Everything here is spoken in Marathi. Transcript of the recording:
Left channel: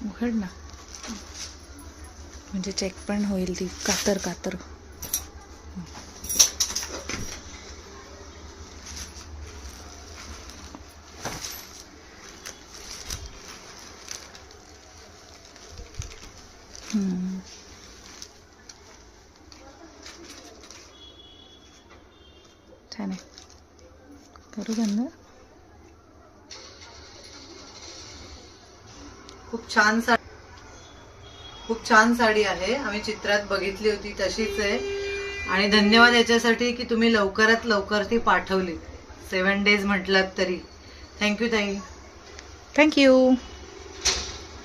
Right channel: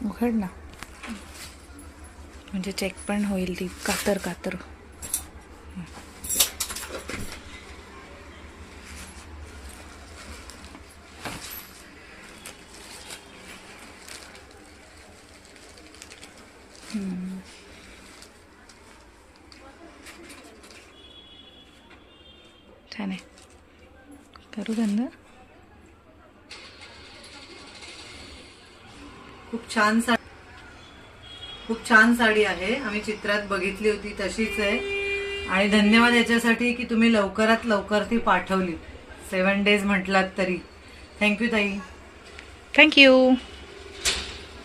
उघड ना, म्हणजे चेक पण होईल ती कातर कातर. छान आहे. करू बंद. खूप छान साडी आहे. आम्ही चित्रात बघितली होती तशीच आहे. आणि धन्यवाद याच्यासाठी की तुम्ही लवकरात लवकर ती पाठवली. 7 days म्हटलात तरी. थँक्यू ताई. थँक्यू.